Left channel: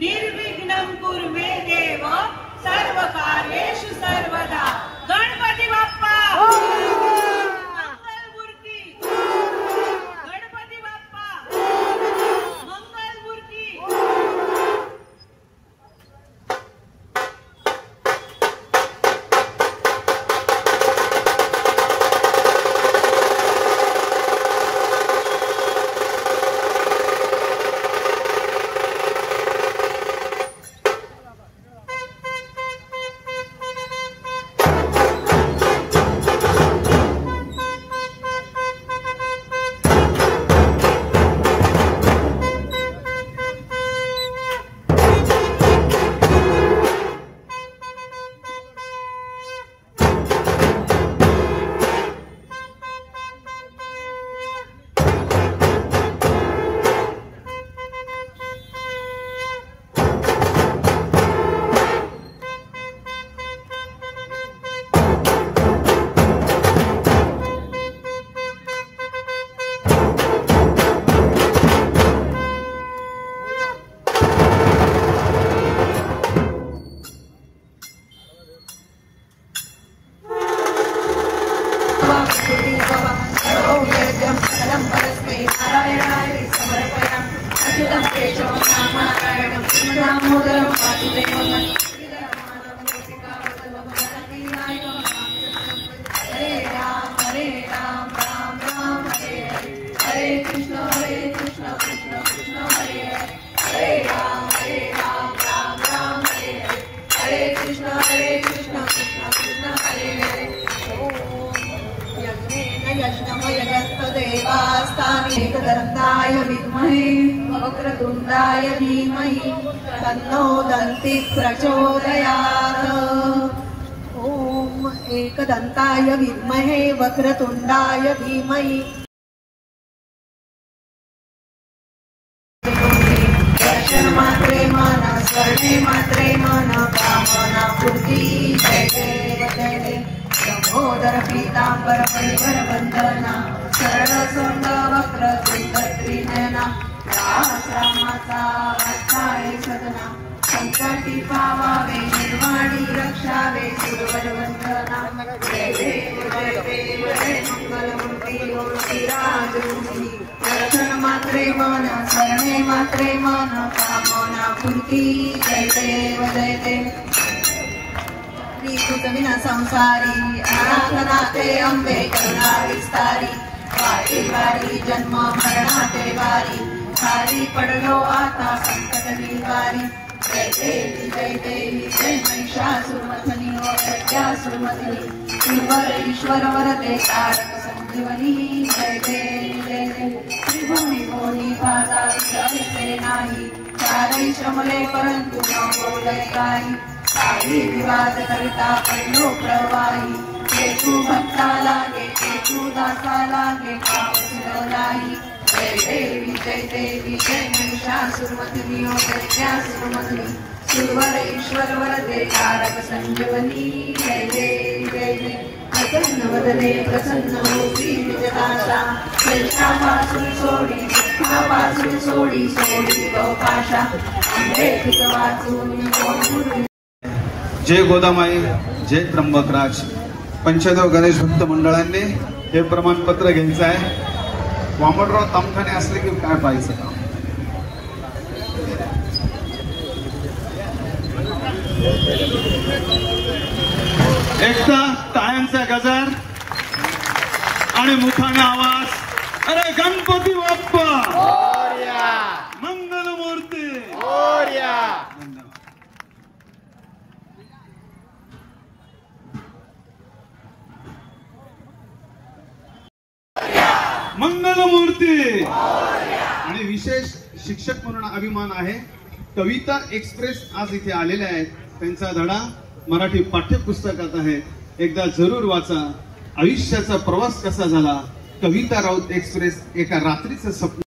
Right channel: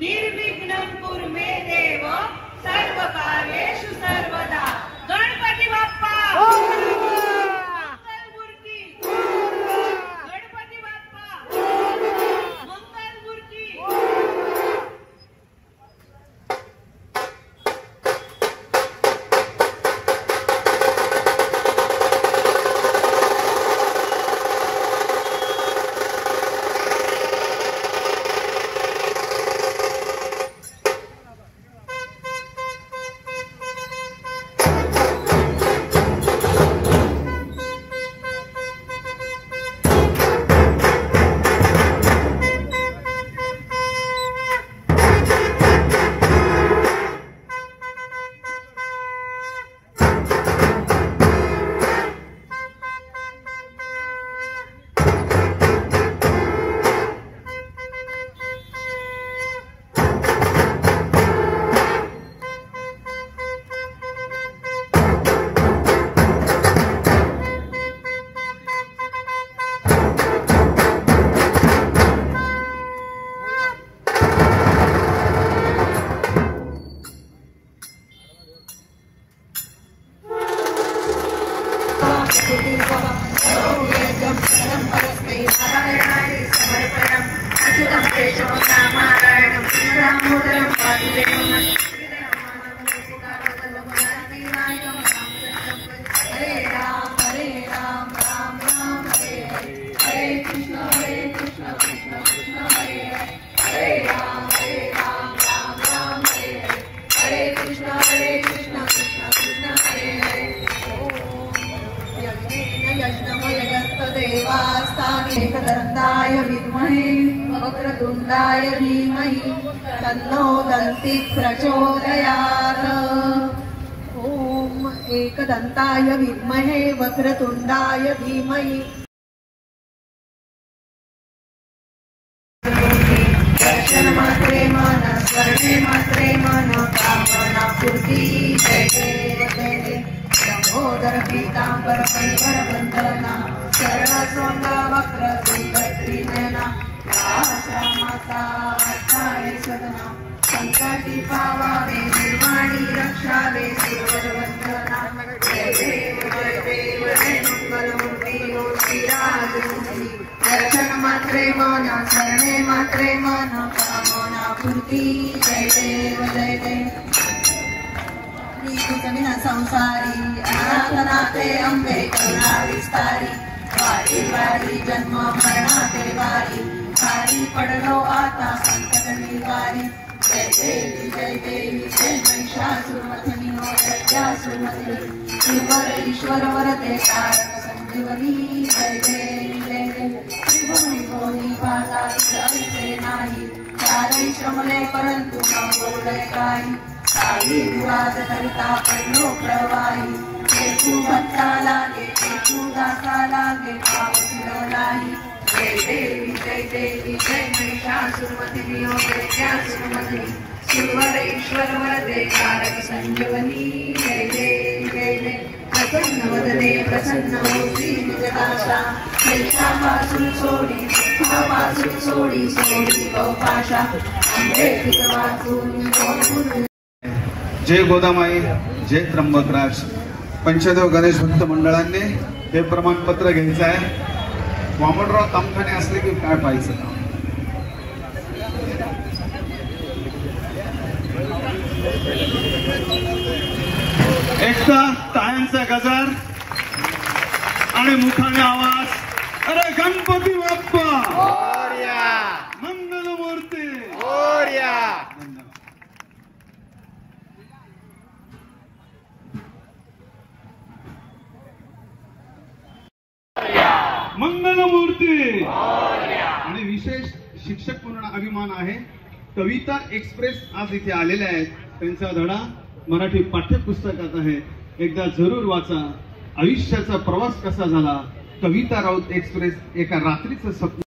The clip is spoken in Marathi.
निर्विघ्नं कुरु मे देव सर्व कार्येषु सर्वदा। गणपती बाप्पा मंगलमूर्ती, गणपती बाप्पा मंगलमूर्ती। एकदन्ताय विद्महे वक्रतुण्डाय धीमहि तन्नो दन्ति प्रचोदयात्। ॐ एकदन्ताय विद्महे वक्रतुण्डाय धीमहि दर्शन मात्रे मन स्वर्णे मात्रे मन कामना पूर्ति। जय देव जय देव लंबोदर पीतांबर परिधर वंदना सरळ सोंड वक्र त्रिनयना रामाचा वाचाळे सदना संकटी पावावे निर्वाणी रक्षावे सूरजवंदना। जय देव जय मंगलमूर्ती मूर्ती राजमूर्ती दर्शन मात्रे मन शरणे मात्रे मन कामना पूर्ती। जय देव जय देव विना संसारी अनाथनाथे अंबे करुणा विस्तारी। वारी वारी जन्म मरणाते वारी खाली पडलो आता संकट निवारी। जय देवी जय महिषासुरमर्दिनी ओ प्रज्ञासुरमर्दिनी ईश्वर ईश्वर वरदे तारक संजीवनी। जय देवी जय देवी त्रिभुवनी भुवनी पाताळी ऐसे नाही चारही श्रमले परंतु न बोलले काही। काही विवाद करिता पडलो प्रवाही हेतू भक्ता लागे हेतू दासा लागे नाही। जय देवी जय महिषासुरमर्दिनी ओ प्रज्ञासुरमर्दिनी सुरवर ईश्वर वरदे तारक संजीवनी। जय देवी जय देवी प्रसन्न वदने प्रसन्न होती जगाशा पासून सोडी पासून सोडी सोडी गौपाशा अंबेत वाचून। जय गोदामाई जय त्र्यंबकराज पंचदेव गणेश भक्त मंडळांनी हे प्रमाणपत्र घ्यायचं आहे। वामनराव तामखाने असले की काय पाहायचं काम। एकदा टाळ्यांचा गजर आणि मुठाने आवाज। अरे गणपती बाप्पा मोरया मंगलमूर्ती मोरया। मंगलमूर्ती आणि विशेष शिक्षक म्हणून अभिमान आहे। कविता एक्सप्रेस आज इथे आलेले आहेत। त्यांचा धडा मराठी पाठ्यपुस्तकात आहे। एकदा जरूर वाचा। आयुष्याचा प्रवास कसा झाला कविता राऊत एक्सप्रेस एका रात्रीचं स्वप्न।